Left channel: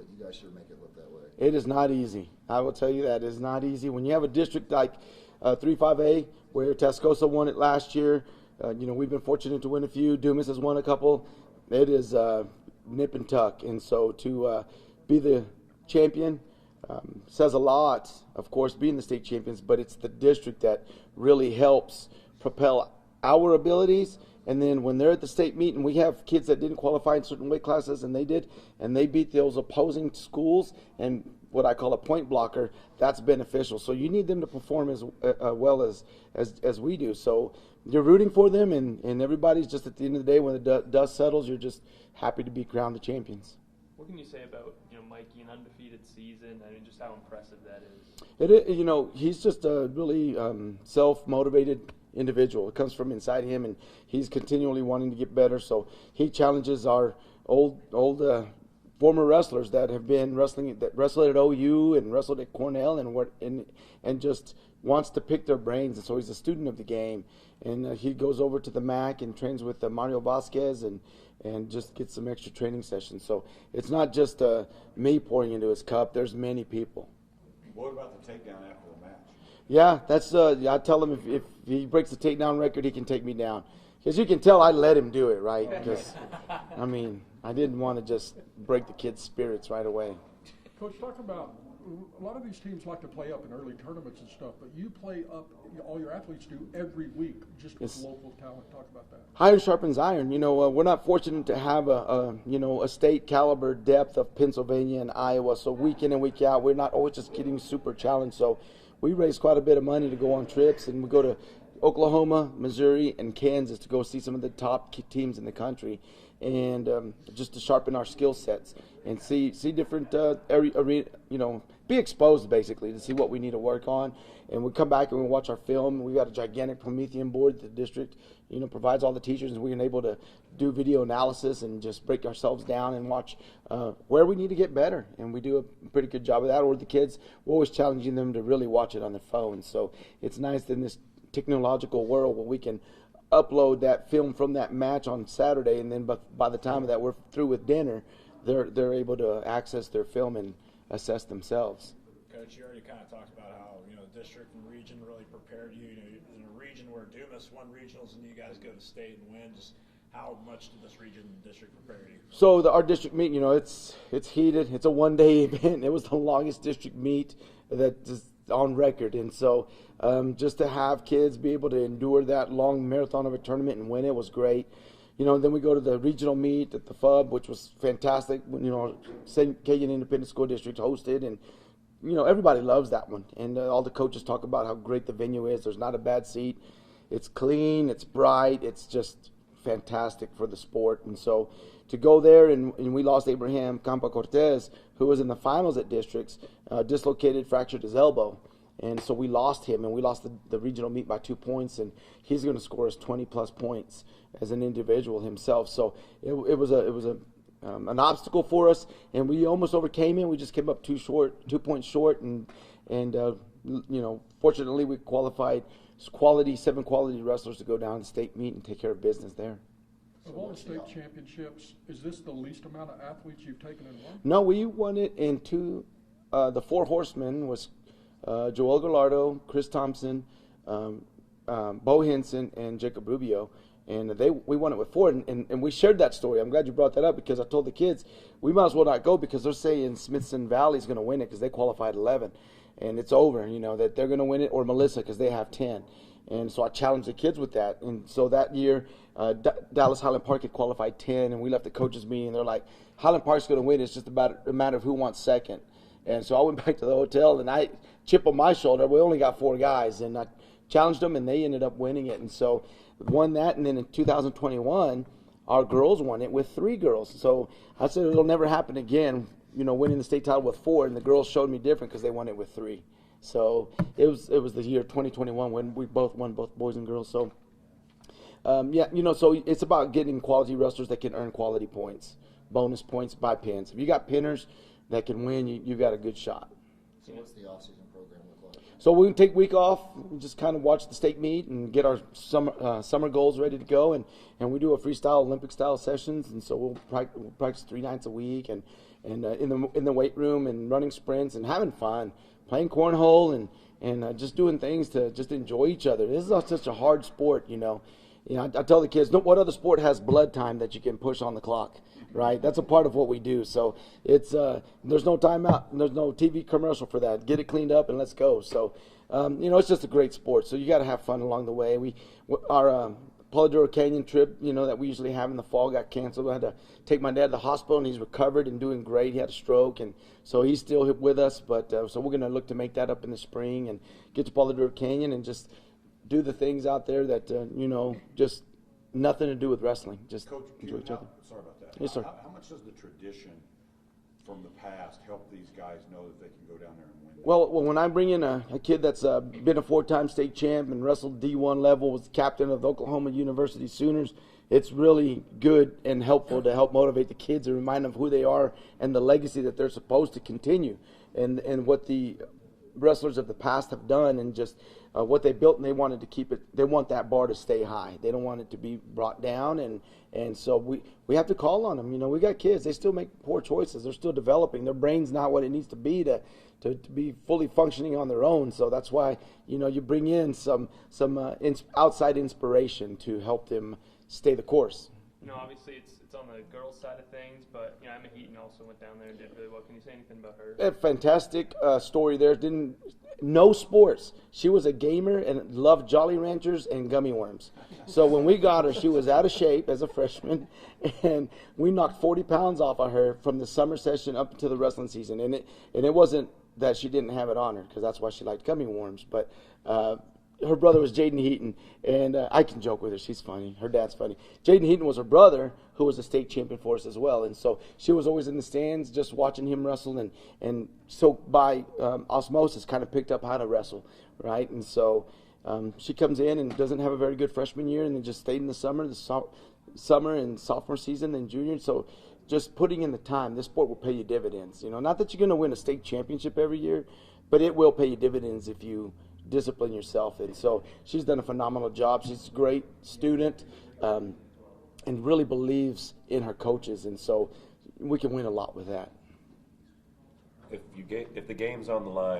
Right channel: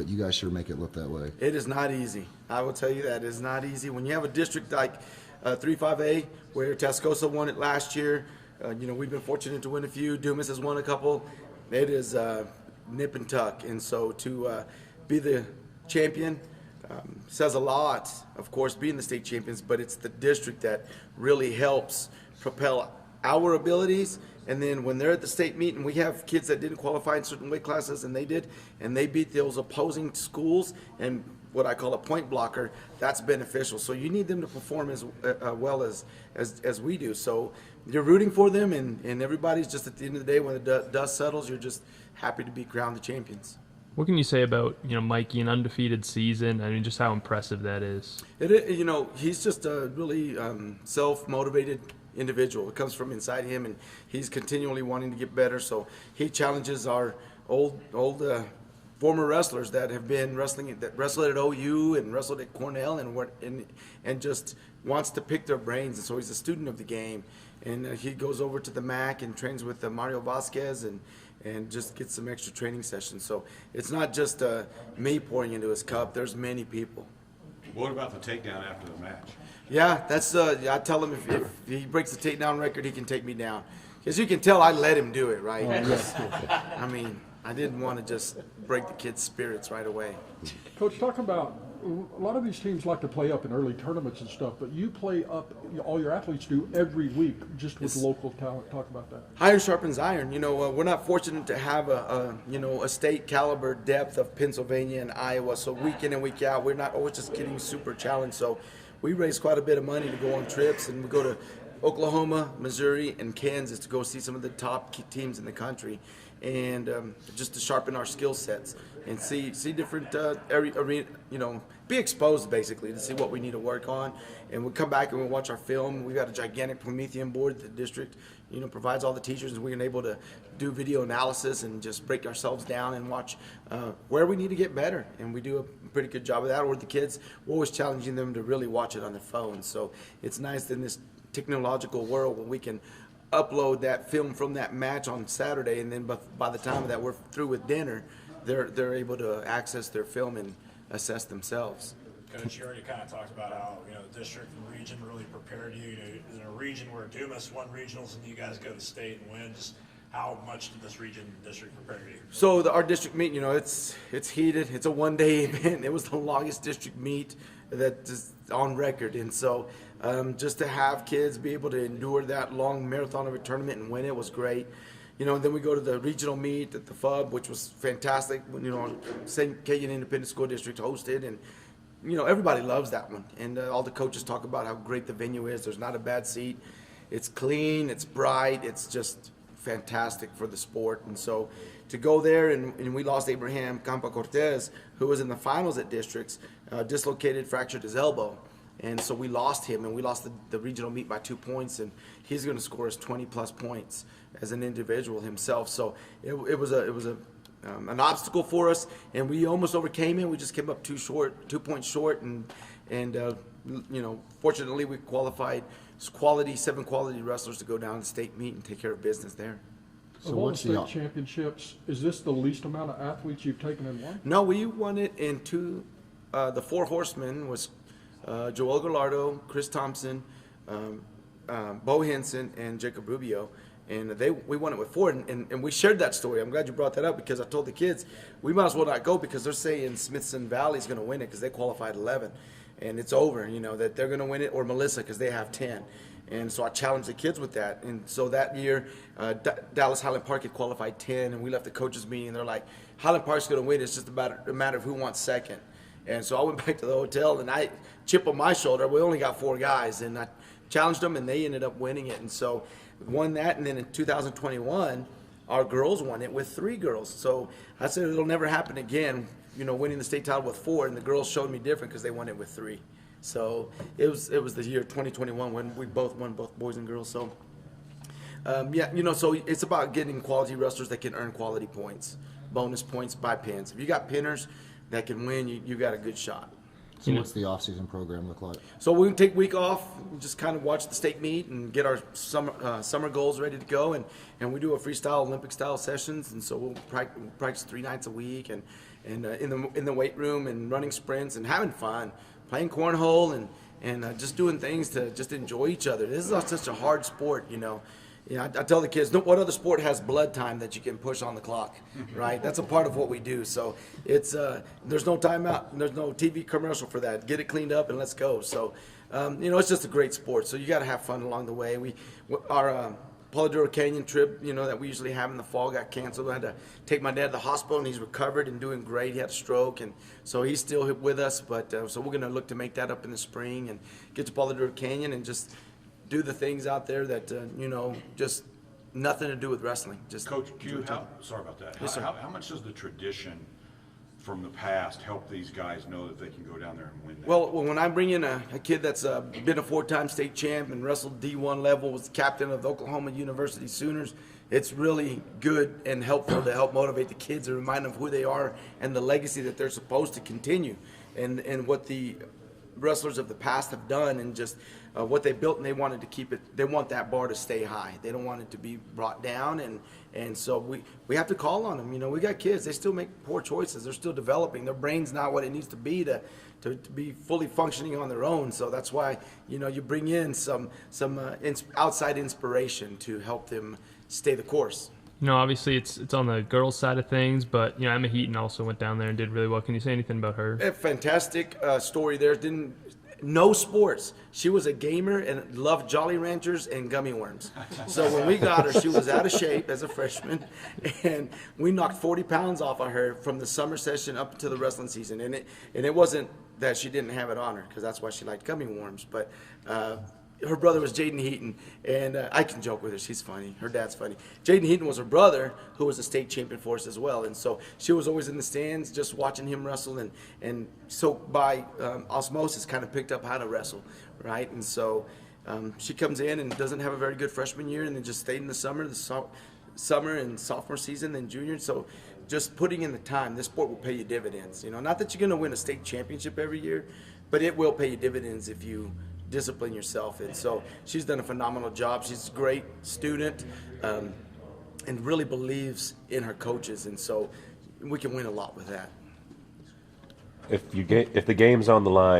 but you guys sure make it look that way. It is not easy. I will tell you that. It is not easy. When you have a district like 3-5A, where Tascosa won it last year, we've been fortunate to win a few. Dumas has won a couple. It is nip and tuck. And so to be the champion says a lot, of course, being the state champions, but it's the district that really helps propel our abilities. And then when they're at the state meet, and we have kids that didn't qualify in certain weight classes, and they did, and they beat those opposing schools and what I call a point blocker, that's beneficial. So you need them to perform as well as we do. So you're rooting for them, and everybody's just at the end of the day, when the dust settles, you're just happy to be crowned the champions. What can you say about, Mikey, an undefeated season? I mean, just how impressive that is. He's just a really self-motivated individual. It comes from inside him, and he's continually wanting to get better. So he challenges our old former wrestlers that have been wrestled at OU and wrestled at Cornell and just wants to pick their brains. And so he's a student of the game, and he goes over to the MAC and trains with Mario Vasquez and just gets some extra training sessions. So it's not just me pouring into his cup. There's many people. What about the takedown after the match? Yeah, that's I tell him if he breaks the takedown record, he can take me down. As you can tell, I let him do it, right? I didn't want to just break the kid's spirits right away. Coach, talk about, a lot of these teams like to play up in early tournaments and stuff, but you play up, all your athletes do every week just with local talent. Talk about that. Iron sharpens iron. We're not fortunate to have a state caliber depth of Pennsylvania and Iowa, so week in and week out, we're not always just getting super challenged. So we raise quite a bit of money to go on trips, and we go to Oklahoma, Missouri, and Kansas to go see some of the top teams in the country, and just to sharpen our skill sets and see different arena, be exposed basically to see what we need to work on. And we come back and we watch our film. We've got a gigantic Promethean board that the district, provides all the teachers, and we're able to do video analysis and just break ourselves down and watch where we need to get better. And we do a pretty good job of that. Or the kids, we're always challenging them to really watch it on their phones. So it's nice in this technological world where we can upload that film from that match on Saturday, and then by the time that we're through with dinner, they're able to access their film and assess themselves. Coach, you already kind of talked about how the district and region really prepared you. In a region where Dumas won regionals and you guys go to state and win, just how much did this region and district prepare you? So our district meet, it's heated. It's a one-day event. It was the longest district meet that is on record, and so just to have kids be able to endure that long marathon of a tournament and win it was great. Then we go to the regional meet at the FUB, which was fantastic. St. Kagan Independent School District hosted, and everybody loves that one. And all the coaches talk about how great the venue is. There's not a bad seat. It's clean. It's bright. It's just fantastic for the sport. And so to go there, and we lost Abraham Campa Cortez, who was in the finals at districts, dislocated, fractured his elbow. And so we lost him, and we lost the regional meet by 2 points, and he's going to score us 20-plus points as an individual himself. So it was an obstacle for us, and we almost overcame it. We just came up 2 points short, and fortunately we qualified 7 quality wrestlers to go down to state meet and take care of business there. So all the state championships, is this the least amount of athletes you've taken in one? No, we won it in 2. The 4 horsemen was Joel Gallardo, Chris Thompson, Bo Henson, and Jacob Rubio, and we won it with 4, and we shared that story. I'm glad you brought that up, because I told the kids we might as well not go, because they're saying Smithson Valley's going to win it because they qualified 11, and it's over, that they're going to win it, or Melissa because they have 10. And so I challenged the kids with that. And so that year, Dallas Highland Park had qualified 10, and we left the coaches meeting, and they're like, Highland Park's going to win. It's just about a matter of who wants second. And so I went back to the hotel, and I chip on my shoulder. We only got 4 guys, and I challenged them, and they ended up winning it. And so won that. And then in 2021, our girls won it with 3 girls. So I said it'll never happen again, winning the state title with 4, and the girls showed me different because they won it with 3. So it was the year 2021 when we both won, both boys and girls. So so it's about getting quality wrestlers that can earn quality points, bonus points by pins. If you got pinners that can win, you got a good shot. So what's the off-season program look like? So we take a week off, just kind of watch the state meet and get our summer goals ready to go, and we do a freestyle Olympic-style sessions, and so we'll practice 3 nights a week, and and in the weight room and running sprints and having fun, playing cornhole and just doing things to just enjoy each other. This is such a hard sport, you know. I tell the kids, what other sport has blood time that you can push on the clock, right? That's a part of what we do. So it's there's no timeout, there's no TV commercial for that. Get it cleaned up and let's go. So it's just a great sport. So you got to have fun along the way. Our Polidoro Canyon trip, that we usually have in the fall got canceled. I had to take my dad to the hospital, and he's recovered and doing great. He had a stroke, and so he's still with us. But so we're going to look to make that up in the spring and get to Polidoro Canyon and just do the things out there that just nothing to do with wrestling. Just Coach Q, sorry about that. Yes, sir. How much does the tradition from the past help these guys know that they can go down there and win? Well, when I bring in a kid that's been a 4-time state champ and wrestled D1 level, was captain of the Oklahoma University Sooners, it's really good and helpful to help motivate the kids and remind them of who they are and the legacy that they're supposed to continue, and what the wrestlers of the past have done, and just what they built, and they wanted to keep it. They want that bar to stay high. They don't want it to be brought down, and so we have to call on them. We got kids. They still make poor choices. They're still developing. Their brain's not what it needs to be to be fully functioning on their own. So that's why you bring in some outside inspiration to help them stay the course. Obviously it's on the girls' side of things, but Emma Heaton also went down there and did really well. Can you say anything about her? A fantastic story there. No sports. She was a gamer and loved Jolly Ranchers and gummy worms. So when we got her, she was out of shape as a freshman, and we knocked 40 pounds off of her from the summer session up to the wrestling season. And it wasn't that she didn't have it on her, because that's why she liked gummy worms. But her brother was Jaden Heaton, and I can joke with her. She's funny. Her dad's funny. Jaden Heaton was her brother, who was a state champion for us as well, and so she was always in the stands just watching him wrestle, and so by osmosis kind of picked up how to wrestle, right? And so she comes in and doesn't have a very good freshman year, and then just stayed in the summer and sophomore season, and junior. So just putting in the time, this sport will pay you dividends. Not that you're going to win a state championship every year, but it will pay you dividends if you discipline yourself. And so she's done a phenomenal job. She's a great student, and really believes in her coaches, and so we can win a lot with that. If the game's on the line,